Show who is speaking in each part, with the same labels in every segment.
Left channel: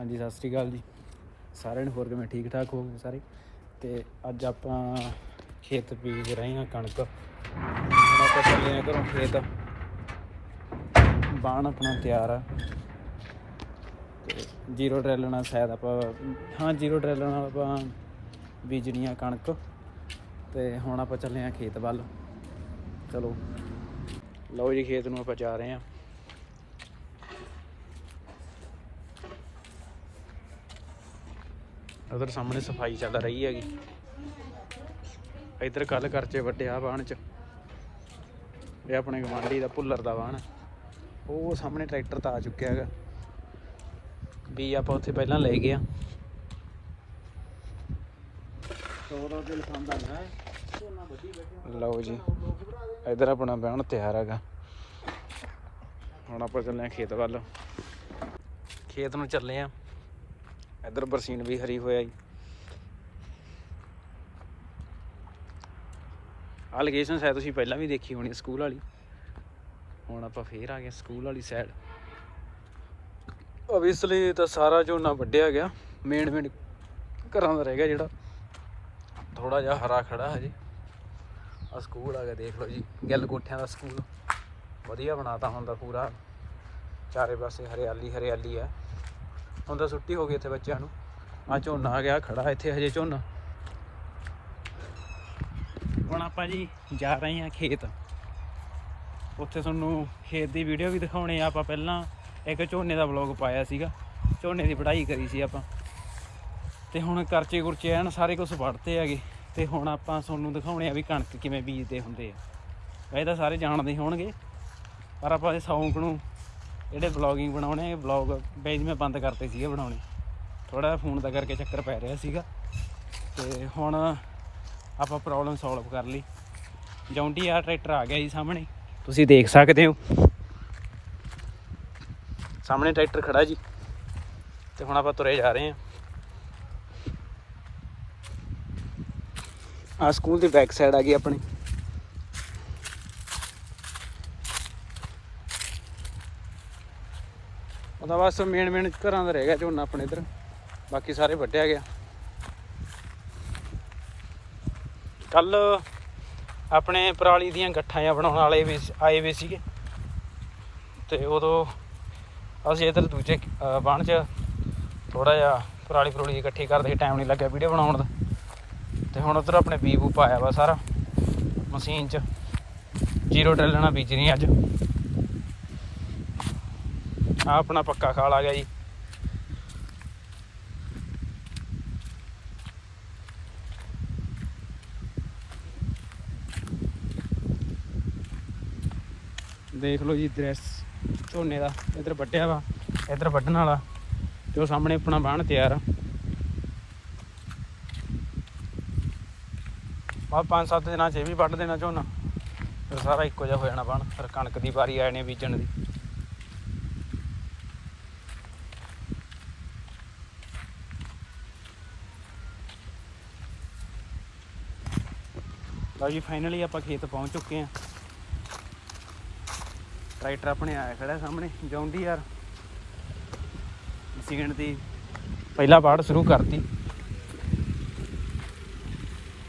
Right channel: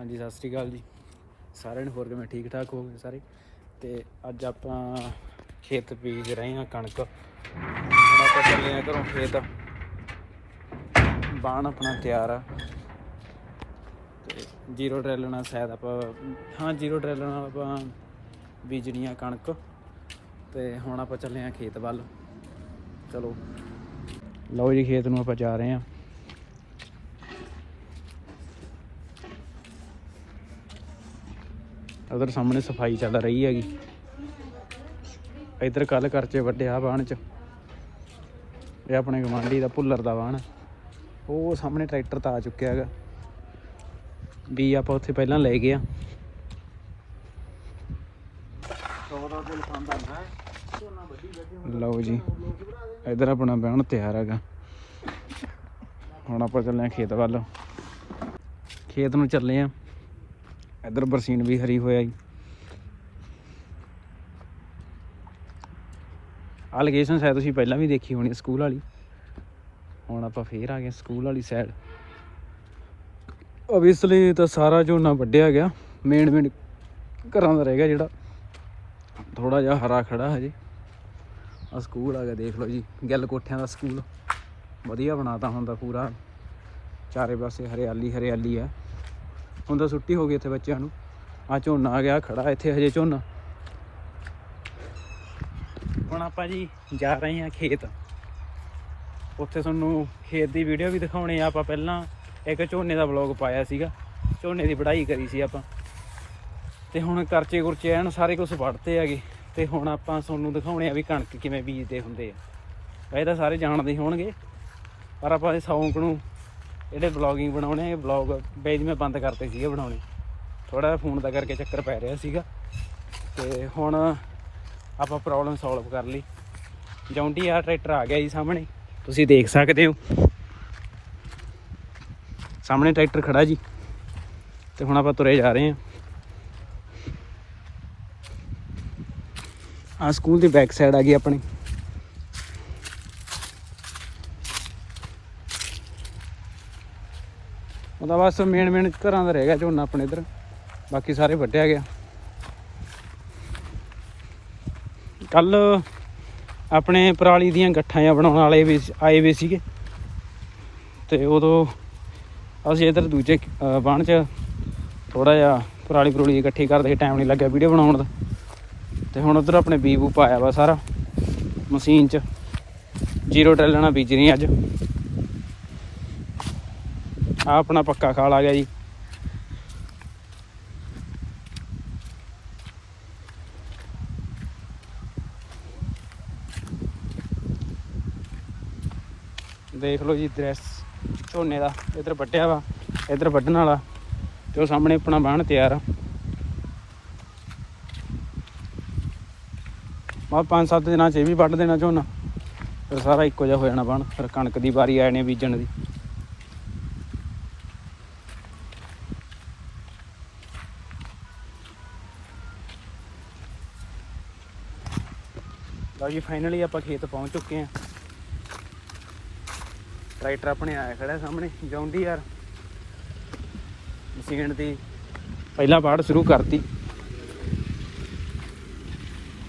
Speaker 1: ਹਾਂਜੀ, ਸਤਿ ਸ੍ਰੀ ਅਕਾਲ ਜੀ। ਸਾਰਿਆਂ ਨੂੰ ਹੋਰ ਕਿਵੇਂ? ਠੀਕ ਠਾਕ ਹੋਗੇ ਸਾਰੇ? ਤੇ ਅੱਜ ਆਪਾਂ ਖੇਤ ਬੀਜ ਰਹੇ ਹਾਂ ਕਣਕ। ਹੁਣ ਆਪਾਂ ਚੱਲੇ ਆ ਘਰੋਂ ਖੇਤ। ਬਾਣ ਆਪਣਾ ਤਿਆਰ ਆ। ਤੇ ਜ਼ੀਰੋ ਡਰਿਲ ਨਾਲ ਸ਼ਾਇਦ ਆਪਾਂ, ਹਾਂ, ਜ਼ੀਰੋ ਡਰਿਲ ਨਾਲ ਆਪਾਂ ਬੀਜਣੀ ਆ ਕਣਕ। ਤੇ ਹੁਣ ਆਪਾਂ ਚੱਲੇ ਆ ਖੇਤ ਵੱਲ। ਚਲੋ। ਲਓ ਜੀ, ਖੇਤ ਨੂੰ ਆਪਾਂ ਜਾ ਰਹੇ ਹਾਂ। ਉਧਰ ਸਾਹਮਣੇ ਸਫ਼ਾਈ ਚੱਲ ਰਹੀ ਹੈਗੀ। ਇੱਧਰ ਕੱਲ ਕਰਚੇ ਵੱਡਿਆ ਬਾਣ ਚ। ਇਹ ਆਪਣੇ ਗਵਾਂਢੀ ਦਾ ਭੁੱਲਰ ਦਾ ਬਾਣ ਉਹ ਸਾਹਮਣੇ ਟਰੈਕਟਰ ਤਾਂ ਆ ਚੁੱਕਿਆ ਹੈਗਾ। ਵੀ ਆਪਾਂ ਉੱਥੇ ਪਹਿਲਾਂ ਲੈ ਗਏ ਆ। ਲਓ ਜੀ, ਇੱਧਰ ਆਪਣਾ ਬਹਿਣ ਤਿਆਰ ਹੈਗਾ। ਹੁਣ ਆਪਾਂ ਚੱਲੇ ਆ ਖੇਤ ਵੱਲ। ਖੇਤ ਨੂੰ ਚੱਲੇ ਆ। ਇਧਰ ਬਰਸੀਨ ਵੀ ਹਰੀ ਹੋਇਆ ਜੀ। ਆਹ ਲੋਕੇਸ਼ਨ ਸ਼ਾਇਦ ਤੁਸੀਂ ਪਹਿਲਾਂ ਵੀ ਦੇਖੀ ਹੋਣੀ ਸਕੂਲ ਵਾਲੀ। ਹੁਣ ਆਪਾਂ ਫੇਰ ਆ ਗਏ ਸਕੂਲ ਵਾਲੀ ਸਾਈਡ ਓਬਵੀਅਸਲੀ ਤਾਂ ਸਾਰਾ ਝੋਨਾ ਵੱਢਿਆ ਗਿਆ। ਮੇਨ ਮੇਨ ਘਰਾਂ ਦਾ ਰਹਿ ਗਿਆ ਜਿਹੜਾ। ਥੋੜਾ ਜਿਹਾ ਹਰਾ ਖੜਾ ਹਜੇ। ਆ ਸਕੂਲ ਆ ਗਿਆ, ਦੇਖ ਲਓ ਜੀ। ਗਿੱਲ ਕੋਠਿਆਂ ਦਾ ਸਕੂਲ। ਵਧੀਆ ਬਣਾਤਾ ਹੁੰਦਾ ਪੂਰਾ। ਚਾਰੇ ਪਾਸੇ ਹਰਿਆਲੀ ਹਰਿਆਲੀ ਆ। ਹੁਣ ਤਾਂ ਛੁੱਟੀ ਹੋ ਗਈ ਇੱਥੇ ਬੱਚਿਆਂ ਨੂੰ। ਆ ਝੋਨਾ ਆ ਗਿਆ, ਖੜਾ ਇੱਥੇ ਹਜੇ ਝੋਨਾ। ਹੁਣ ਆਪਾਂ ਜੀ ਜਾ ਰਹੇ ਹਾਂ ਖੇਤ। ਉੱਥੇ ਤੁਹਾਨੂੰ ਖੇਤ ਦੀ ਵੀਡੀਓ ਵੀ ਦਿਖਾਉਣੀ ਆ। ਆਪਾਂ ਪਹਿਲਾਂ ਇੱਕ ਝੋਨੇ ਦਾ ਵਲੌਗ ਪਾਇਆ ਸੀਗਾ। ਝੋਨੇ ਦੀ ਵਢਾਈ ਕਰੀ ਸੀ ਆਪਾਂ। ਤੇ ਹੁਣ ਕਰਚੇ ਕੁਰਚੇ ਐਨ ਸਾਰੇ ਕੁਝ ਵੜਤੇ ਹੈਗੇ। ਤੇ ਹੁਣ ਆਪਾਂ ਤੁਹਾਨੂੰ ਦਿਖਾਉਣੇ ਆ ਵੀ ਕਣਕ ਕਿਵੇਂ ਬੀਜਦੇ ਹੁੰਦੇ ਆ। ਇਹ ਤਾਂ ਸਾਰੇ ਜਾਣਦੇ ਹੋਣਗੇ। ਪਰ ਆਪਾਂ ਇਹ ਸ਼ੌਂਕ ਨੂੰ ਜਿਹੜੇ ਵਲੌਗਿੰਗ ਬਣਾਉਣੇ ਇਹ ਵਲੌਗ ਪੇਜ ਮੈਂ ਬੰਦ ਕਰਤੇ ਸੀਗੇ ਬਣਾਉਣੇ। ਥੋੜਾ ਫੋਨ ਦਾ ਕਰਕੇ ਚੱਕਰ ਪੈ ਰਿਹਾ ਸੀਗਾ। ਤੇ ਹੁਣ ਆਪਾਂ ਪ੍ਰੋਬਲਮ ਸੋਲਵ ਕਰ ਲਈ। ਜੌਂਡੀ ਆ ਟਰੈਕਟਰ ਆ ਗਿਆ ਜੀ ਸਾਹਮਣੇ। ਤੁਸੀਂ ਦੇਖ ਸਕਦੇ ਹੋ। ਸਾਹਮਣੇ ਟਰੈਕਟਰ ਖੜਾ ਜੀ। ਤੇ ਹੁਣ ਆਪਾਂ ਤੁਰੇ ਜਾ ਰਹੇ ਹਾਂ। ਆ ਸਕੂਲ ਦੀ ਬੈਕ ਸਾਈਡ ਆ ਗਈ ਆਪਣੀ। ਉਹਦਾ ਬਸ ਮੇਨ ਮੇਨ ਘਰਾਂ ਦਾ ਰਹਿ ਗਿਆ ਝੋਨਾ ਆਪਣੇ ਇਧਰ। ਬਾਕੀ ਸਾਰੇ ਵੱਢਿਆ ਗਿਆ। ਕੱਲ ਆਪਣੇ ਪਰਾਲੀ ਦੀਆਂ ਗੱਠਾਂ ਜਾਂ ਬਣਾਉਣ ਵਾਲੇ ਵੀ ਆਏ ਵੇ ਸੀਗੇ। ਤੇ ਉਦੋਂ ਅਸੀਂ ਇਧਰ ਦੂਜੇ ਬਾਣ ਚ ਥੋੜਾ ਜਿਹਾ ਪਰਾਲੀ ਪਰੂਲੀ ਇਕੱਠੀ ਕਰਦੇ ਟਾਈਮ ਨਹੀਂ ਲੱਗਿਆ ਵੀਡੀਓ ਬਣਾਉਣ ਦਾ। ਤੇ ਹੁਣ ਉਧਰ ਆਪਣੇ ਬੀਬੂ ਪਾਇਆ ਵਾ ਸਾਰਾ ਮਸ਼ੀਨ ਚ। ਜ਼ੀਰੋ ਡਰਿਲ ਨਾਲ ਬੀਜ ਰਹੀ ਅੱਜ। ਆ ਆਪਣਾ ਪੱਕਾ ਖਾਲ ਆ ਗਿਆ ਜੀ। ਦੇਖ ਲਓ ਜੀ ਦ੍ਰਿਸ਼, ਝੋਨੇ ਦਾ, ਇਧਰ ਵੱਢਿਆ ਵਾ, ਇਧਰ ਵੱਢਣ ਵਾਲਾ, ਤੇ ਉਹ ਸਾਹਮਣੇ ਆਪਣਾ ਬਾਣ ਤਿਆਰ ਆ। ਮਾ ਪੰਜ ਸੱਤ ਦਿਨਾਂ ਚ ਇਹ ਵੀ ਵੱਢ ਦੇਣਾ ਝੋਨਾ ਫਿਰ ਸਾਰਾ ਇੱਕੋ ਜਿਹਾ ਹੋ ਜਾਣਾ ਬਾਣ ਫਿਰ ਕਣਕ ਦੀ ਵਾਰੀ ਆ ਜਾਣੀ ਬੀਜਣ ਦੀ। ਲਓ ਜੀ ਫਾਈਨਲੀ ਆਪਾਂ ਖੇਤ ਪਹੁੰਚ ਚੁੱਕੇ ਹਾਂ। ਟਰੈਕਟਰ ਆਪਣੇ ਆਇਆ ਖੜਾ ਸਾਹਮਣੇ ਜੌਂਡੀ ਯਾਰ। ਮਸ਼ੀਨ ਦੀ ਪਹਿਲਾਂ ਬਾੜ ਸ਼ੁਰੂ ਕਰਤੀ।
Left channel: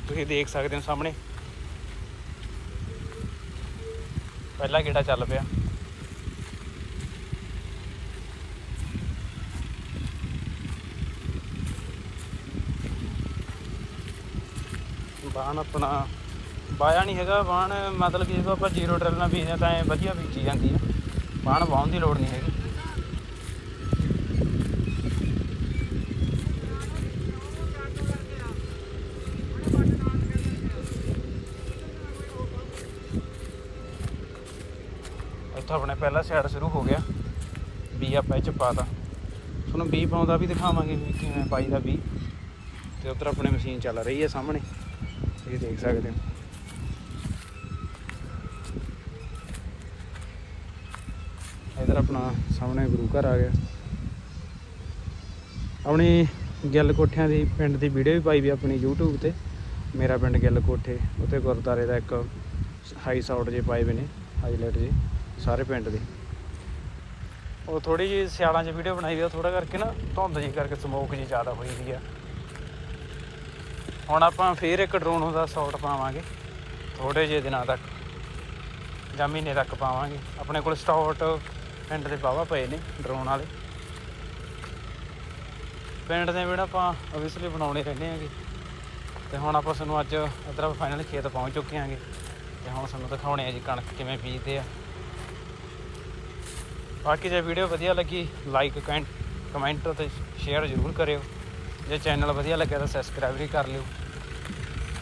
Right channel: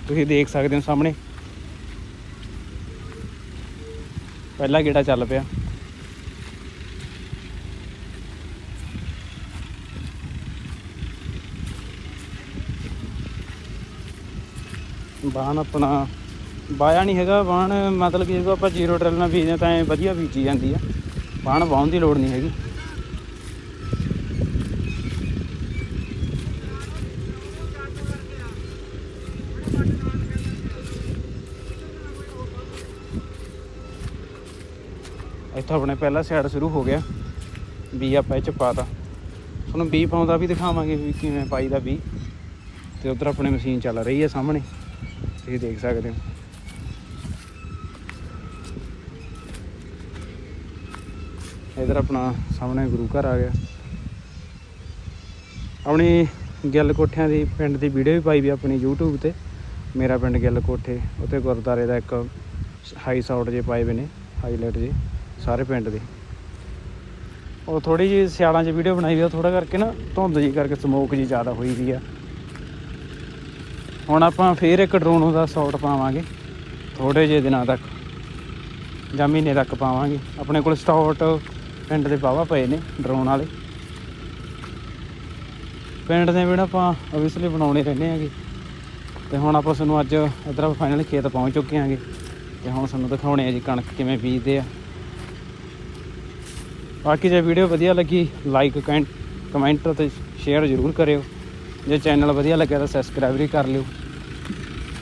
Speaker 1: ਤੁਸੀਂ ਦੇਖ ਸਕਦੇ ਹੋ ਸਾਹਮਣੇ। ਪਹਿਲਾ ਗੇੜਾ ਚੱਲ ਪਿਆ। ਬਾਣ ਆਪਣਾ ਬਾਇਆ ਨਹੀਂ ਹੈਗਾ ਬਾਣ ਮਤਲਬ ਕਿ ਜਦੋਂ ਆਪਾਂ ਜ਼ੀਰੋ ਡਰਿਲ ਨਾਲ ਬੀਜਦੇ ਤਾਂ ਐ ਵਧੀਆ ਬੀਜੀ ਜਾਂਦੀ ਆ। ਬਾਣ ਵਾਉਣ ਦੀ ਲੋੜ ਨਹੀਂ ਹੈਗੀ। ਇੱਥੋਂ ਆਪਣੇ ਪਹਿਲਾ ਸਾਈਡ ਸ਼ੁਰੂ ਹੋ ਗਿਆ। ਬੀ ਆਪਾਂ ਇਹ ਚ ਪਾਤਾ ਤੁਹਾਨੂੰ ਬੀ ਪਾਉਂਦਾ ਵੀ ਦਿਖਾਵਾਂਗੇ ਵੀ ਕਿਵੇਂ ਪਾਈਦਾ ਬੀ। ਤੇ ਉਧਰ ਆਪਣੇ ਮਸ਼ੀਨ ਚੱਲ ਰਹੀ ਹੈ ਸਾਹਮਣੇ। ਤੁਸੀਂ ਦੇਖ ਸਕਦੇ ਹੋ। ਇਧਰ ਆਪਣਾ ਸਾਹਮਣੇ ਗੁਰੂ ਘਰ ਆ ਗਿਆ। ਆਪਣੀ ਗਿੱਲ ਕੋਠਿਆਂ ਦੀ, ਪਿੰਡ ਦੀ ਵੀਡੀਓ ਵੀ ਪਾਈ ਵੀ ਆਪਣੀ YouTube ਤੇ। ਮੇਰਾ ਪਿੰਡ ਗਿੱਲ ਕੋਠੇ ਉੱਤੇ ਗੁਰਦਾਰੇ ਦਾ ਇੱਕ ਹਾਈ ਸਾਊਟ ਜੇ ਪਾਏ ਵੇ ਨੇ ਹਾਈਲਾਈਟ ਜੇ ਸਾਰੇ ਪਿੰਡ ਦੇ। ਉਹ ਥੋੜੀ ਜਿਹੀ ਸਿਆਲਾਂ 'ਚ ਵੀਡੀਓ ਬਣਾਈ ਵੀ ਉਹ ਥੋੜਾ ਕਰਕੇ ਨਾ ਧੁੰਦ ਜੀ ਕਰਕੇ ਸਮੋਕ ਜੀ ਜ਼ਿਆਦਾ ਹੋਈ ਵੀ ਆ। ਹੁਣ ਆਪਾਂ ਫੇਰ ਇੱਕ ਡਰੋਨ ਦਾ ਸ਼ਾਟ ਪਾਵਾਂਗੇ ਥੋੜੇ ਜਿਹੇ ਦਿਨਾਂ ਤੱਕ ਜਾਂ ਮਹੀਨੇ ਤੱਕ ਪਾਵਾਂਗੇ। ਆਪਣੇ ਕੋਲ ਸਟਾਟ ਪਿੰਡ ਦੇ ਵਾਹਵਾ ਪਏ ਨੇ, ਡਰੋਨ ਵਾਲੇ। ਪਿੰਡ ਦੇ ਵੀ ਆਪਾਂ ਓਬਵੀਅਸਲੀ ਬਣਾਉਣੇ ਰਹਿੰਦੇ ਆਂਗੇ ਤੇ ਹੁਣ ਆਪਾਂ ਤੁਹਾਨੂੰ ਅੱਜ ਇੱਧਰ ਆਪਾਂ ਫਾਈਨਲ ਖੇਤ ਪਹੁੰਚ ਚੁੱਕੇ ਆਂਗੇ ਤੇ ਹੁਣ ਤੁਹਾਨੂੰ ਦਿਖਾਉਣੇ ਆ ਜੀ ਕਣਕ ਕਿਵੇਂ ਬੀਜਦੇ ਆ। ਬਾਕੀ ਜੇ ਵੀਡੀਓ ਵਧੀਆ ਲੱਗੀ ਲਾਈਕ ਕਮੈਂਟ ਕਮੈਂਟ ਤੇ ਸ਼ੇਅਰ ਜ਼ਰੂਰ ਕਰਿਓ। ਜੇ ਚੈਨਲ ਵਧੀਆ ਲੱਗਿਆ ਤਾਂ ਸਬਸਕ੍ਰਾਈਬ ਵੀ ਕਰ ਲਿਓ।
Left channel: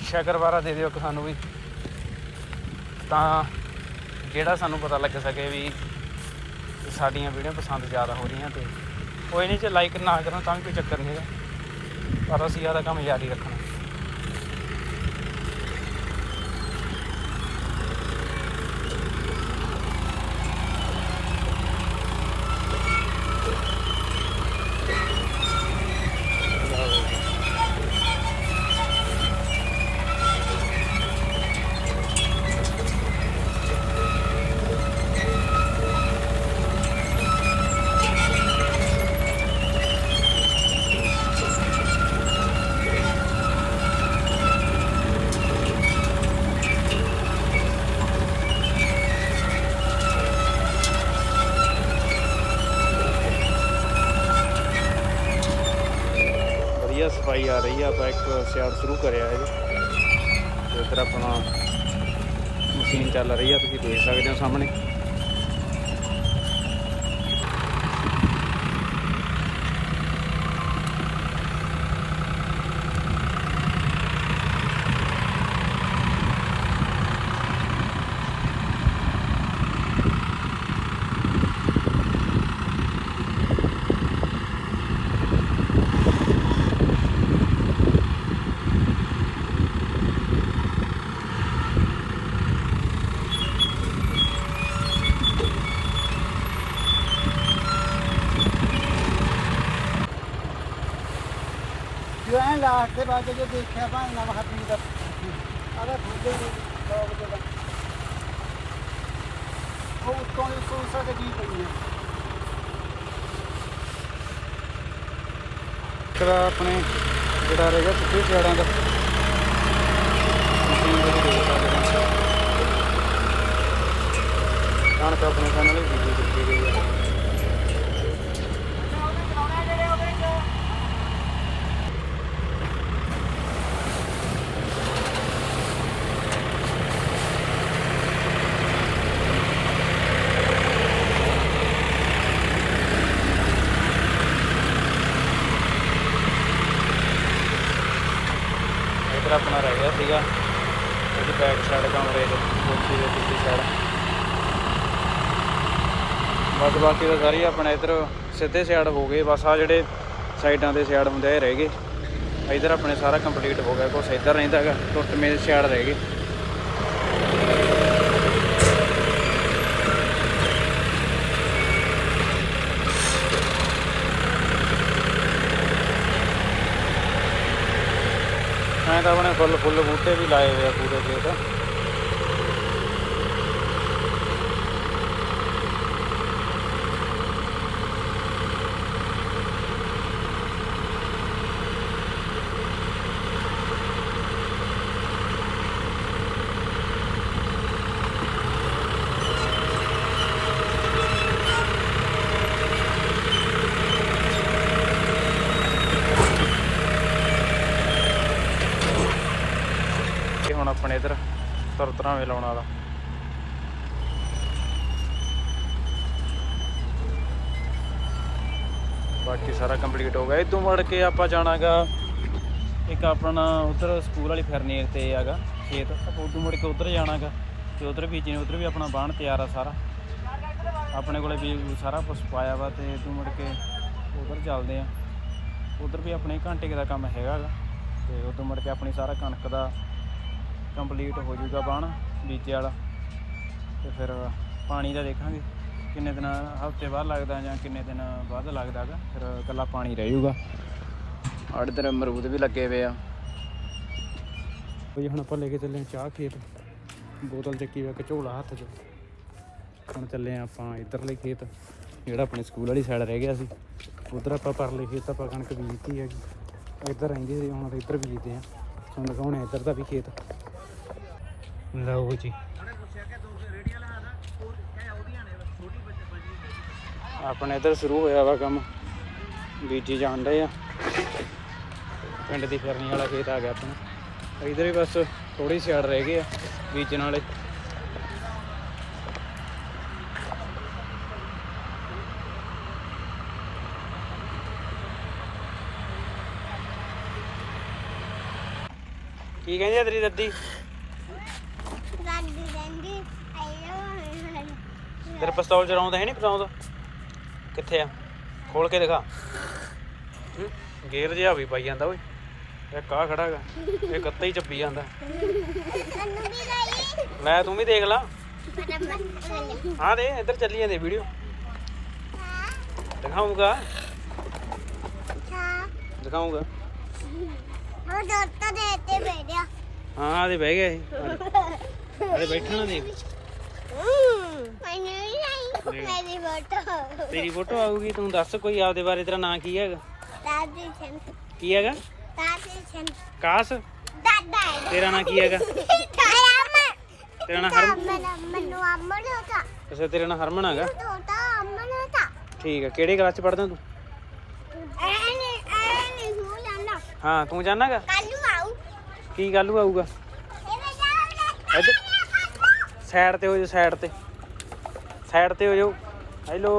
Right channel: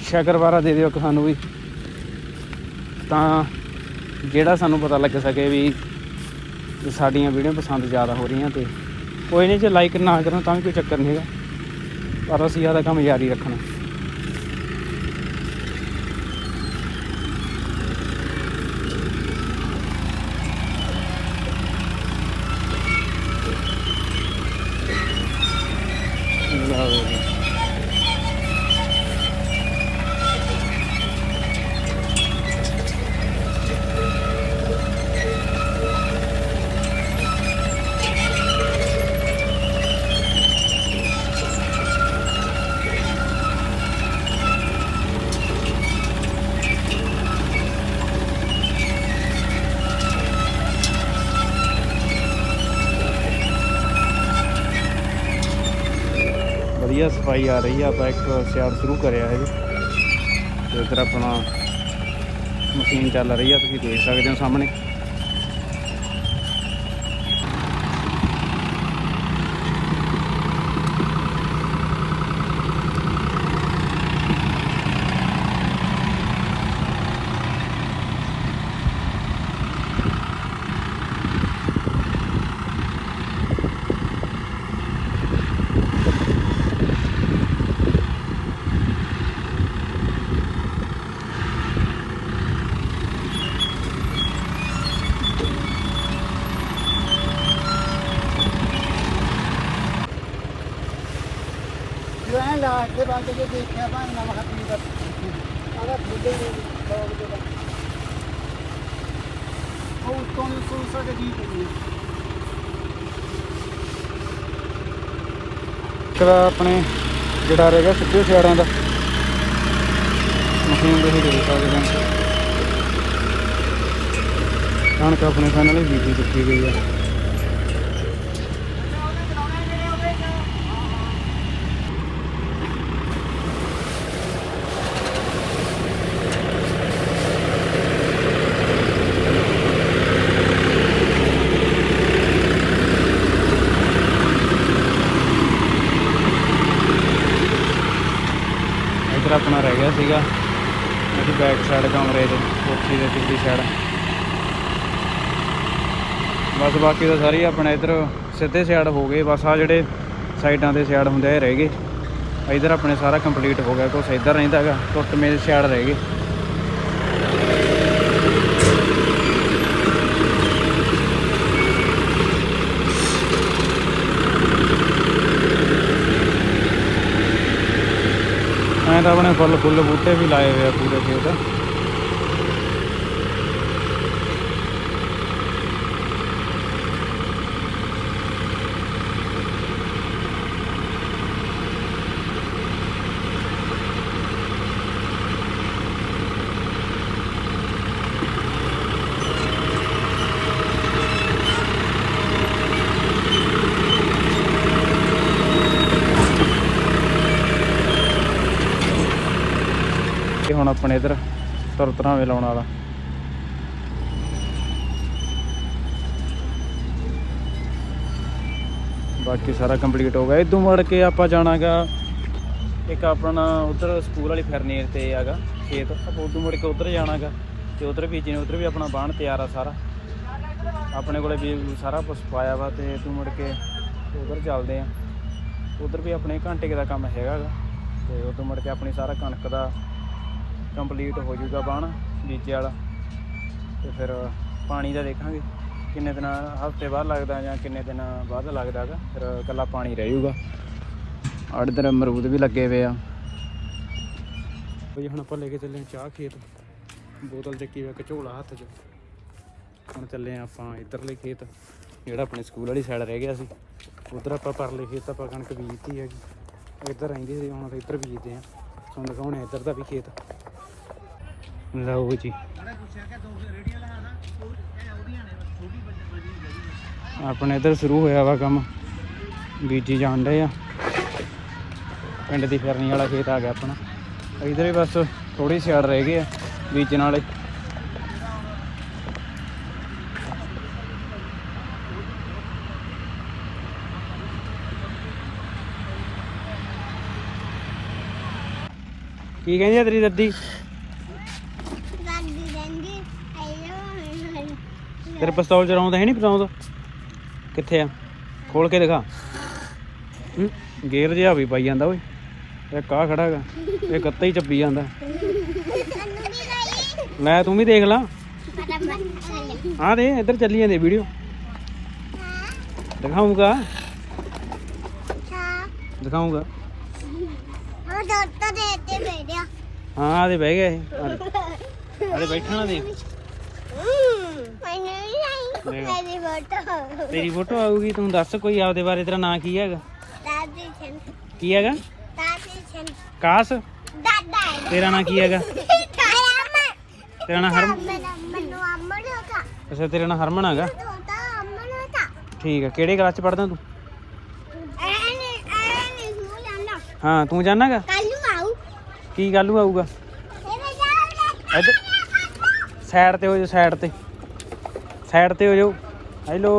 Speaker 1: ਸ਼ਕਰਵਾਰਾ ਦੇ ਦਿਓ ਕਿ ਸਾਨੂੰ ਵੀ। ਤਾਂ ਜਿਹੜਾ ਸਾਨੂੰ ਪਤਾ ਲੱਗ ਸਕੇ ਵੀ ਵੀ ਸਾਡੀਆਂ ਵੀਡੀਓ ਪਸੰਦ ਜ਼ਿਆਦਾ ਹੋ ਰਹੀਆਂ ਤੇ ਕੋਈ ਨਹੀਂ ਜੇ ਲਾਈਕ ਨਾ ਕਰੋ ਤਾਂ ਵੀ ਕੋਈ ਚੱਕਰ ਨਹੀਂ ਹੈਗਾ। ਪਰ ਅਸੀਂ ਜ਼ਿਆਦਾ ਕੰਮ ਜਾਰੀ ਰੱਖਣਾ। ਮਸ਼ੀਨ ਚੱਲ ਰਹੀ ਆ ਤੁਸੀਂ ਦੇਖ ਸਕਦੇ ਹੋ ਸਾਹਮਣੇ।
Speaker 2: ਬਾਅਦ ਜੇ ਦੇਖਿਆ ਭਾਈ ਨਾ ਖਤਮ ਕਰ ਆਦਾ ਫੁੱਦੇ ਉਹ ਤੋਂ ਤੋਂ ਸਾਡੇ ਦੀ ਪਈ
Speaker 1: ਇੱਕ ਆਪਣੇ ਜਿਹੜਾ ਰਹਿ ਗਿਆ ਸਿੱਧੇ ਸਿਆੜਾਂ ਦਾ। ਕਣਕ ਆਪਣੇ ਫਾਈਨਲ ਹੀ ਬੀਜੀ ਦਿੱਤੀ ਗਈ ਆ ਇੱਧਰ ਆਪਣਾ ਰਹਿ ਗਿਆ ਸੀਗਾ ਬੈਕ ਸਾਈਡ ਕਮਰੇ ਦੇ ਉੱਥੇ ਦੀ ਪਿਛਲੀ ਸਾਈਡ ਬਸ ਬਾਕੀ ਤਾਂ ਸਾਰੀ ਆਪਣੇ ਇੱਧਰ ਸਿੱਧੇ ਸਿਆੜ ਹੋ ਗਏ, ਬਸ ਆ ਜਿਹੜੇ ਸਾਈਡਾਂ ਦੇ ਸਿਆੜ ਹੁੰਦੇ ਆ ਰਹਿ ਗਏ। ਇੱਧਰ ਆਪਣੇ ਸਾਰਾ ਕੰਪਲੀਟ ਹੋ ਗਿਆ, ਕੁਛ ਇੱਧਰ ਰਹਿੰਦਾ ਹੈਗਾ, ਟੁੱਟ ਮੇਲ ਸਿਆੜ ਰਹਿ ਗਏ। ਐਂ ਤਾਂ ਫੁੱਲ ਫੁੱਲ ਬੂਟੇ ਵੀ ਲਾਏ ਹੋਏ ਆ ਪੂਰੇ ਖੇਤ ਇਹ ਹੁਣ ਆਪਣੇ ਇਧਰ ਤਰਤਰਾਵੇਂ ਲਾਉਣ ਵਾਲਾ। ਬਾਕੀ ਸਾਰਾ ਕੰਪਲੀਟ ਹੋ ਗਿਆ। ਇਦੋਂ ਮੁੜ ਕੇ ਆਪਾਂ ਜਾਣਾਗਾ, ਇੱਕ ਆਪਣਾ ਉਧਰ ਸਕੂਲ ਵਾਲੀ ਫਰਨੀਅਰ ਤੇ ਹੈਗਾ ਖੇਤ। ਆਪਾਂ ਉਦੋਂ ਮੁੜ ਕੇ ਉਧਰ ਜਾਣਾਗਾ ਤੇ ਉਧਰ ਵੀ ਜਿਹਨੇ ਉਧਰ ਵੀ ਆਪਣਾ ਬਾਣ ਤਿਆਰ ਆ ਸਾਰਾ। ਆਪਣੇ ਕੋਲੇ ਵੀ ਸਾਰਾ ਕੁਝ ਪਾਇਆ ਵਾ ਤੇ ਇਦੋਂ ਮੁੜ ਕੇ ਉਧਰ ਚੱਲਦੇ ਆ। ਉਧਰ ਵੀ ਆਪਣੇ ਘੰਟੇ ਦਾ ਕੰਮ ਹੈਗਾ ਗਾ ਤੇ ਉਦੋਂ ਮੁੜ ਕੇ ਆਪਣੀ ਸਾਰਾ ਕਣਕ ਦਾ ਕੰਪਲੀਟ ਹੋ ਜਾਊਗਾ ਬਾਣ, ਬੀਜੇ ਵਾਲਾ। ਤੇ ਫਿਰ ਪਾਣੀ ਦਾ ਦੇਖਾਂਗੇ, ਕਿੰਨੇ ਦਿਨ, ਹਫ਼ਤੇ ਬਾਅਦ ਲੱਗਦਾ ਜਾਂ ਕਿੰਨੇ ਦਿਨ ਬਾਅਦ ਲੱਗਦਾ ਹੈਗਾ। ਫਿਰ ਇਕੱਲਾ ਪਾਣੀ ਰਹਿ ਜਾਊਗਾ। ਆੜ ਇਧਰ ਅਮਰੂਦ ਵੀ ਲੱਗੇ ਹੋਏ ਆ। ਬਈ ਹੁਣ ਆਪਾਂ ਲੈ ਕੇ ਚੱਲੇ ਚਾਹ ਖੇਤ। ਬੋਤਲ ਚੱਕੀ ਵਾ ਇੱਕ ਝੋਲਾ ਹੱਥ 'ਚ। ਹੁਣ ਚੱਲੇ ਆਂ ਆਪਾਂ ਇੱਧਰਲੇ ਖੇਤ, ਜਿਹੜਾ ਆਪਣੇ ਸਕੂਲ ਵਾਲੀ ਸਾਈਡ ਰਹਿ ਗਿਆ ਸੀ। ਉਧਰ ਆਪਾਂ ਪਰਲੇ ਖੇਤ ਆਪਾਂ ਕਣਕ ਬੀਜਤੀ ਹੈਗੀ। ਇੱਧਰ ਰਹਿੰਦੇ ਸੀ, ਹੁਣ ਇੱਧਰ ਬੀਜਦੇ ਆ ਹੁਣ ਦਿਖਾਉਣੇ ਇੱਧਰ ਦਾ ਵੀ ਖੇਤ। ਲਓ ਜੀ। ਆਪਣੇ ਇੱਧਰ ਸ਼ੁਰੂ ਹੋਇਆ ਵਾ ਕੰਮ। ਬੀਜੀ ਜਾਣ ਡਏ ਆ। ਪਿੰਡ ਦੀ ਫਿਰਨੀ ਵਾਲਾ ਖੇਤ ਆ ਗਿਆ ਆਪਣਾ। ਇਧਰ ਹੀ ਬਸ ਥੋੜੀ ਸਿਆੜ ਰਹਿ ਗਈ ਆ ਬੀਜਣ ਵਾਲੇ ਕੀ ਕਹਿੰਦੀ ਤੇਰੀ ਦਾਦੀ
Speaker 2: ਕਹਿੰਦੀ ਆਇਓ
Speaker 1: ਤੇਰੇ ਪਿਸਤੌਲ ਚਲਾਉਂਦਾ ਹੈ ਨਹੀਂ ਪਿਸਤੌਲ? ਕਿੱਥੇ ਆ? ਖੋਲ ਕੇ ਦਿਖਾ। ਹੂੰ? ਜਿਹਾ ਵੀ ਪਾਈ ਜਾਂਦਾ ਓਏ। ਇਹ ਕਾ ਖੜਾ ਹੈਗਾ? ਇਹ ਕੱਤਾ ਹੀ ਚੱਪੀ ਜਾਂਦਾ। ਲੈ ਤੂੰ ਵੀ ਦੇਖ ਲਾ। ਆ ਦੇ, ਇੱਧਰ ਚੱਲੀ ਜਾਂਦੇ ਵੀਡੀਓ। ਦਿਖਾਉਂਗਾ ਦਿਖਾਉਂਗਾ
Speaker 2: ਉਹ ਡਾਕਟਰ ਦੇ ਤੇ ਬੈਠਿਆ
Speaker 1: ਹਾਂ, ਆ ਦੇ ਬਹਿ ਗਿਆ ਇਹ। ਆ ਦੇ। ਬੈਠਣਾ ਦੇਖ
Speaker 2: ਮੈਨੂੰ ਨਹੀਂ। ਮੇਰੀ ਫੋਟੋ
Speaker 1: ਤੇਰੀ ਫੋਟੋ ਆਊਗੀ ਤੂੰ ਦੱਸ ਕੋਈ ਆਪਦੇ ਬਾਰੇ ਤੇਰਾ ਨਾਂ ਕੀ ਹੈਗਾ?
Speaker 2: ਦਾਦੀ ਛਨ
Speaker 1: ਕੀ ਹੈਗਾ?
Speaker 2: ਦਾਦੀ ਛਨ
Speaker 1: ਕਾਸ?
Speaker 2: ਦਾਦਾ ਹੈ
Speaker 1: ਤੇਰਾ ਨਾਂ ਕੀ ਹੈਗਾ?
Speaker 2: ਮੇਰਾ
Speaker 1: ਤੇਰਾ ਨਾਂ ਹਰ
Speaker 2: ਮੇਰਾ ਮੈਨੂੰ
Speaker 1: ਅੱਛਾ ਤੇਰਾ ਨਾਂ ਹਰਮਨ ਹੈਗਾ? ਠੀਕ ਹੈ ਕਿਹੜੇ ਕਲਾਸ ਚ ਪੜਦਾ ਤੂੰ?
Speaker 2: ਐਨੇ ਐਨੇ ਹੋ ਜਾਣਾ।
Speaker 1: ਹਾਂ ਤੂੰ ਜਾਣਾਗਾ
Speaker 2: ਕੱਲ ਨੂੰ ਆਉ
Speaker 1: ਕੀ ਗੱਲ ਆਊਗਾ?
Speaker 2: ਇਹ ਜਾਉ
Speaker 1: ਸਾਈਡ ਤੇ ਹੋ ਜਾ ਸਾਈਡ ਤੇ। ਸਾਈਡ ਤੇ ਹੋ ਜਾਓ। ਹੈਲੋ।